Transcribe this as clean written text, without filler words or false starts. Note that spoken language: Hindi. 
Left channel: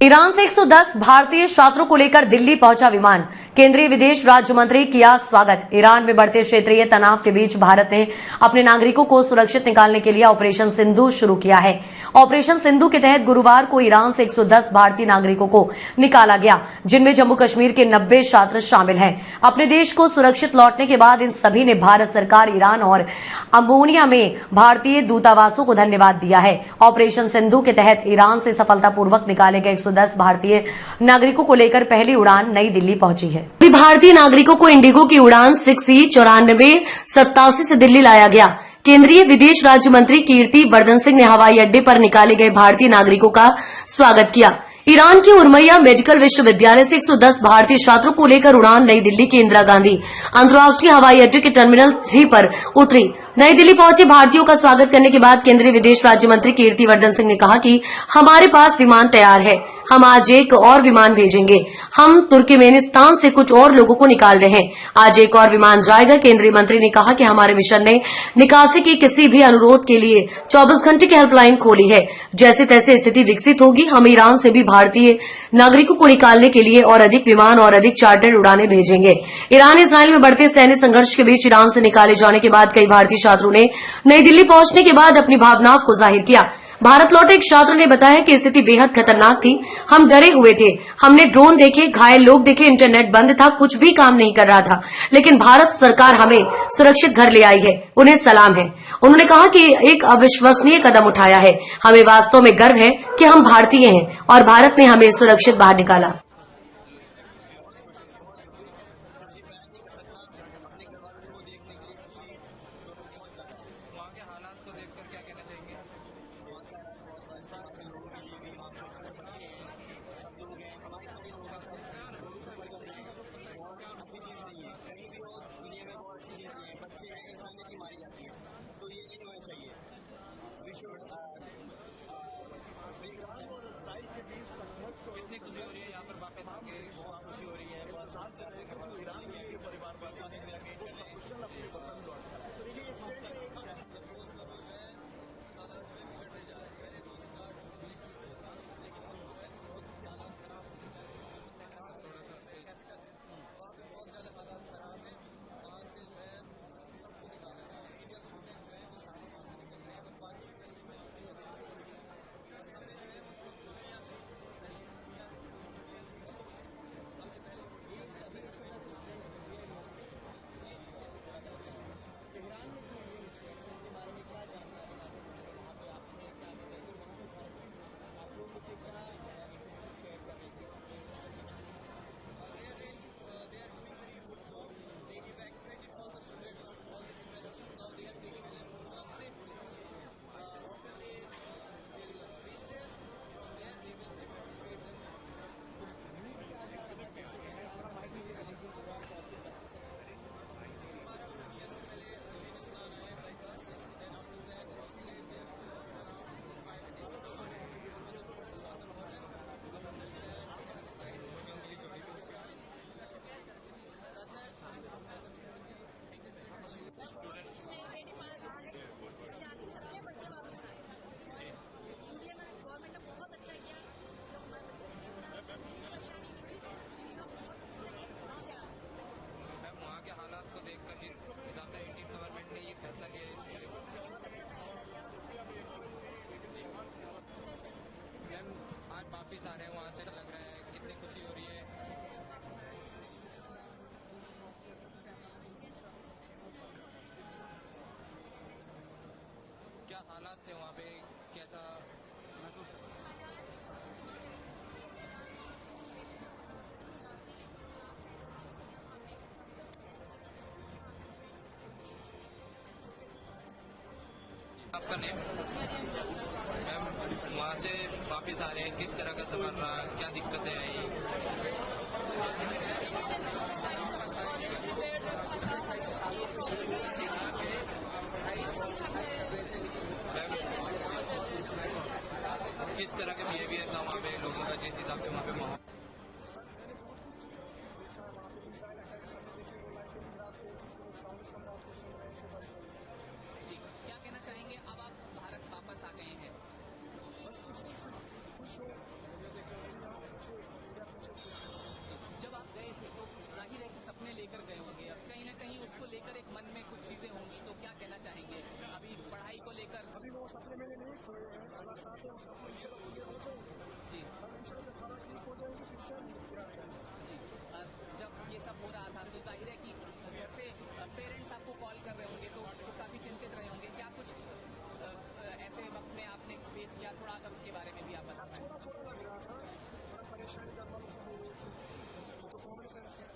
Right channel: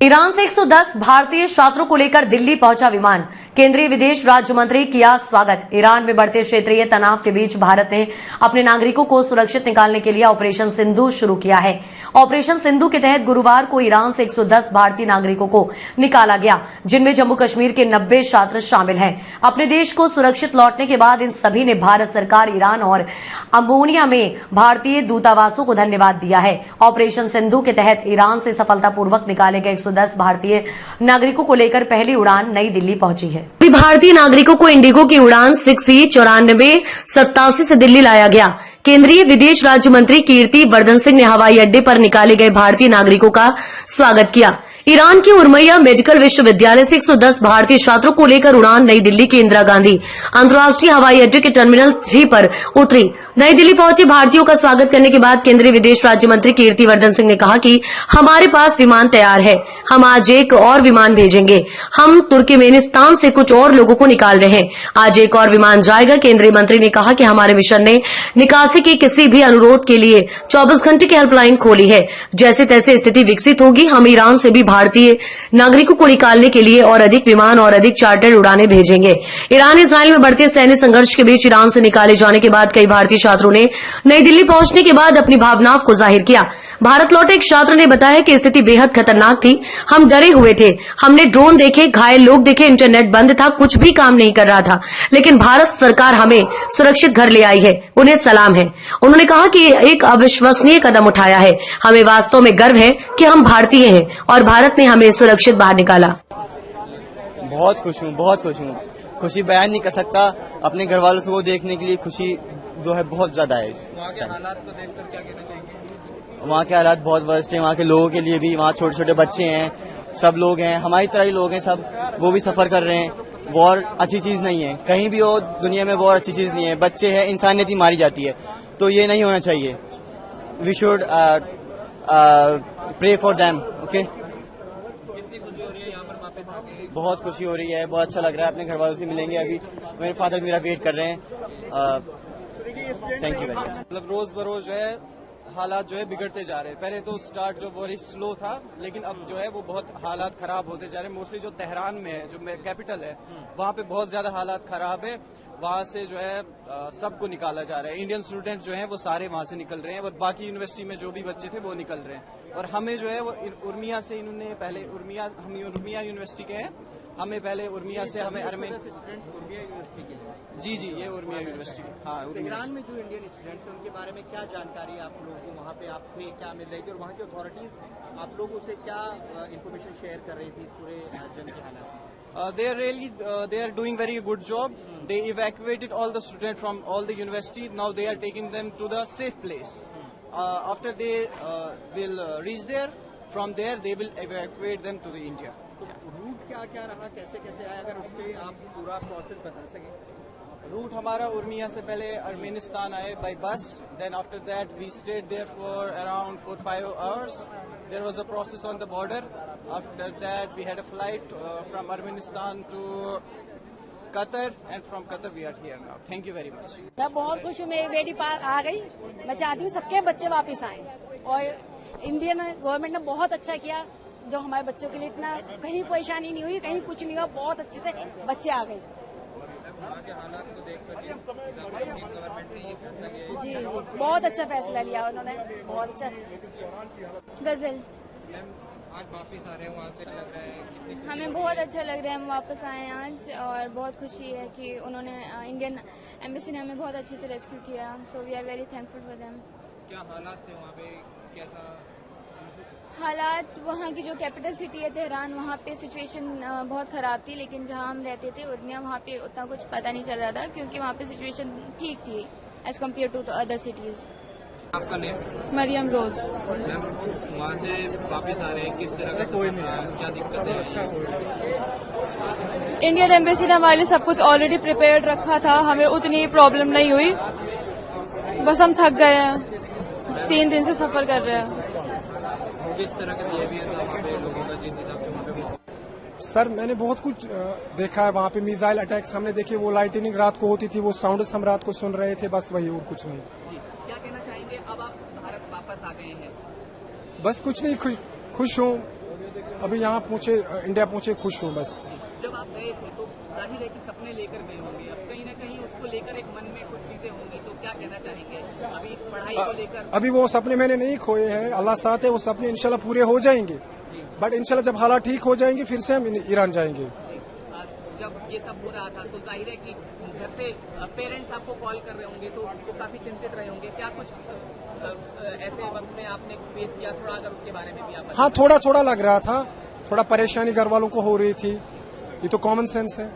ईरान से 110 भारतीय छात्रों को लेकर दिल्ली पहुंचा विमान। केंद्रीय विदेश राज्य मंत्री किया स्वागत। ईरान में बढ़ते क्षेत्रीय तनाव के बीच भारत ने अपने नागरिकों को सुरक्षित निकालने के लिए ऑपरेशन सिंधु शुरू किया है। ऑपरेशन सिंधु के तहत गुरुवार को ईरान से 110 भारतीय नागरिकों को निकाला गया, जिनमें जम्मू कश्मीर के 90 छात्र शामिल हैं। अपने देश को सुरक्षित लौटने के बाद इन सभी ने भारत सरकार, ईरान और अमोनिया में भारतीय दूतावासों को धन्यवाद दिया है। ऑपरेशन सिंधु के तहत ईरान से सफलतापूर्वक निकाले गए 110 भारतीय नागरिकों को लेकर पहली उड़ान नई दिल्ली पहुंची है। भारतीय नागरिकों को इंडिगो की उड़ान 6E9487 से दिल्ली लाया गया। केंद्रीय विदेश राज्य मंत्री कीर्ति वर्धन सिंह ने हवाई अड्डे पर निकाले गए भारतीय नागरिकों का स्वागत किया। ईरान के उर्मिया मेडिकल विश्वविद्यालय से 110 भारतीय छात्रों को लेकर उड़ान नई दिल्ली के इंदिरा गांधी अंतर्राष्ट्रीय हवाई अड्डे के टर्मिनल 3 पर उतरी। नई दिल्ली पहुंचे भारतीयों का स्वागत करने के बाद केंद्रीय विदेश राज्य मंत्री कीर्ति वर्धन सिंह ने कहा कि हमारे पास विमान तैयार है, हम आज एक और विमान भेजेंगे। हम तुर्कमेनिस्तान से कुछ और लोगों को निकाल रहे हैं, आज एक और विमान जाएगा। केंद्रीय मंत्री ने कहा कि हमारे मिशन ने निकासी की किसी भी अनुरोध के लिए 24 घंटे की हेल्पलाइन खोली है। जैसे तैसे स्थिति विकसित होगी, हम ईरान से भी भारतीय नागरिकों को निकालने के लिए और अधिक विमान और अधिक चार्टर्ड उड़ानें भेजेंगे। ईरान इसराइल में बढ़ते सैन्य संघर्ष के बीच ईरान से निकाले जाने के बाद कई भारतीय छात्रों ने नई दिल्ली पहुंचने के बाद अपनी भावनाओं को जाहिर किया। भारत लौटे एक छात्र ने बताया कि स्थिति बेहद खतरनाक थी, हम डरे हुए थे। हमने ड्रोन देखे, घायल लोग देखे, इंटरनेट बंद था, कुछ भी काम नहीं कर रहा था, लेकिन भारत सरकार हमें सुरक्षित घर ले आई है, उन्हें सलाम है। उन्होंने कहा कि एक अविश्वसनीय कदम उठाया है। हमें वास्तव में गर्व है कि हम भारतीय हैं और भारत ने हमें सुरक्षित बाहर निकाला। बहुत खुश हूँ, बहुत खुश हूँ। खुशी बयान नहीं कर सकता। अपने घर वालों को देखने के लिए खुशी जो है बहुत ज्यादा है। वहाँ के हालात को देखकर क्या कहना चाहेंगे? वहाँ के हालात बहुत वर्स्ट हैं। वहाँ के लोगों के लिए भी, वहाँ छोटे छोटे बच्चे हैं, सब लोग हैं, हमारी तरह ही लोग हैं सब, वो भी सफर कर रहे हैं। वॉर अच्छी चीज नहीं है, कहीं भी हो दुनिया में वॉर अच्छी चीज नहीं है। बच्चे हैं, इंसानियत ही मारी जाती है, तो ये नहीं होना चाहिए। We should pray for them. Okay, कितनी खुशी हो रही है यहाँ पर वापस आके? बहुत खुशी हो रही है, बहुत अच्छा लग रहा है। अपने घर वालों से मिलेंगे अभी। मेरे फादर मेरा वेट कर रहे हैं। Thank you very much. मतलब रोज बरोज जो है हालात जो है बिगड़ते जा रहे हैं। पहले तो स्टार्ट जो बहुत स्लो था, लेकिन अब जो है वो बहुत हालात खराब होते जा रहे हैं। मोस्टली जो तेहरान में है, जो कैपिटल है, वहाँ पे बहुत ज्यादा हालात खराब है। वहाँ से जो है सबको निकाला जा रहा है। इंडियन स्टूडेंट जो हैं वो सारे वहाँ से निकल रहे हैं, और बाकी यूनिवर्सिटी में जो भी बच्चे थे वो निकल रहे हैं। और हमें जो है वो उर्मिया से इन्होंने पहले हम उर्मिया यूनिवर्सिटी के हैं, हमें पहले उर्मिया से हमें जी, ये उर्मिया यूनिवर्सिटी। हाँ, ईरान में जो इंडियन स्टूडेंट्स हैं उनके बारे में क्या जानकारी है आप लोगों को? वहाँ पे आपने क्या मिल रही थी, और वहाँ की अथॉरिटीज आप लोगों से क्या इन्फॉर्मेशन शेयर कर रही थी इस पूरे जंग के हालात? They are doing very good job. They evacuated all the students from all the university. Now they are taking them to the safe place. After they will reach there, from there they will evacuate them to the India. तो रूट क्या क्या रहा, कैसे कैसे आया, अगर उस पर आप पूरा प्रोसेस बता सकें? रूट हमारा उर्मिया से पहले अर्मेनिस्तान आए by bus, then after that we stayed there for around 4-5 hours. There was a process on the border. After that we had a flight from Armenistan to Qatar, and from Qatar we are here now. Thank you very much. मैं बहुत खुश हूँ, मेरी बेटी पार आ गई। मैं चाहती हूँ सबके बच्चे वापस आएं, और इंडियन गवर्नमेंट ने बहुत अच्छा किया, जो हमारे बच्चों के लिए इतना कहीं परेशानी नहीं हुई, कहीं कुछ नहीं हुआ, बहुत अच्छे से बच्चे आ गए। जी, बहुत अच्छा फैसला लिया उन्होंने, बहुत अच्छा। गजल आज वापस आ रहे हैं वहाँ से, लग रहा है हमें बहुत अच्छा लग रहा है, हम वापस आए हैं आज, और बहुत खुशी है कि उन्होंने इंडियन एम्बेसी ने हमें बहुत अच्छे से रेस्क्यू किया। So we are very thankful for them. क्या हालात थे वहाँ पे, कैसा हालात? वहाँ की जो कैपिटल सिटी है तेहरान, वहाँ पे सिचुएशन बहुत ख़राब थी, लेकिन जहाँ हम रहते थे उर्मिया, वहाँ पे उतना कुछ पता नहीं चल रहा था, क्योंकि वहाँ पे सिचुएशन ठीक थी as compared to other cities. आपका नेम? मरियम रोज। मैम, वहाँ से वापस आ रहे हैं, किस तरह का सफर रहा, क्या दिक्कतें आई? इंडियन एम्बेसी ने हमारे लिए सब कुछ ऑलरेडी प्रिपेयर्ड रखा था, हमें उतनी प्रॉब्लम नहीं हुई। बस हम थक गए हैं, 3 दिन से सफर कर रहे हैं। किस तरह का बिहेवियर था वहाँ पे लोगों का, जिस हिसाब से वहाँ पे माहौल? सर मैंने बहुत कुछ देखा है वहाँ पे। मिसाइल अटैक्स हमने देखे, वो लाइटनिंग रात को होती थी, वो साउंड्स हम रात को सुन रहे थे, बस वही और कुछ नहीं। क्या कहना चाहेंगे, अब आप भारत वापस आ गए हैं? बस कुछ नहीं, खुश हूँ। अभी यहाँ पहुंचे, इंडिया पहुंचे, खुश हूँ बस। जब आप गए थे तो जाहिर है कि सपने लेकर गए होंगे, अब कहीं ना कहीं उसको लेकर एक मन में कुछ चीजें होंगी, तो क्या कहना चाहेंगे अभी पढ़ाई को लेकर? अभी वो सपने मैंने नहीं खोए हैं, अल्लाह साथ है, वो सपने इंशाल्लाह पूरे हो जाएंगे। बट इंशाल्लाह जब हालात ठीक हो जाएंगे फिर से हम ईरान जाएंगे। जब ये सब हो रहा था तो जाहिर है कि घर से पेरेंट्स आपको कॉल कर रहे होंगे तो वो काफी चिंतित रहे होंगे, क्या कुछ ऐसे वक्त में आपने फेस किया, थोड़ा अगर उसके बारे में भी आप? हाँ, थोड़ा थोड़ा लग रहा था, थोड़ा परेशानी घर वालों को हो रही थी, ये तो कॉमन सेंस है।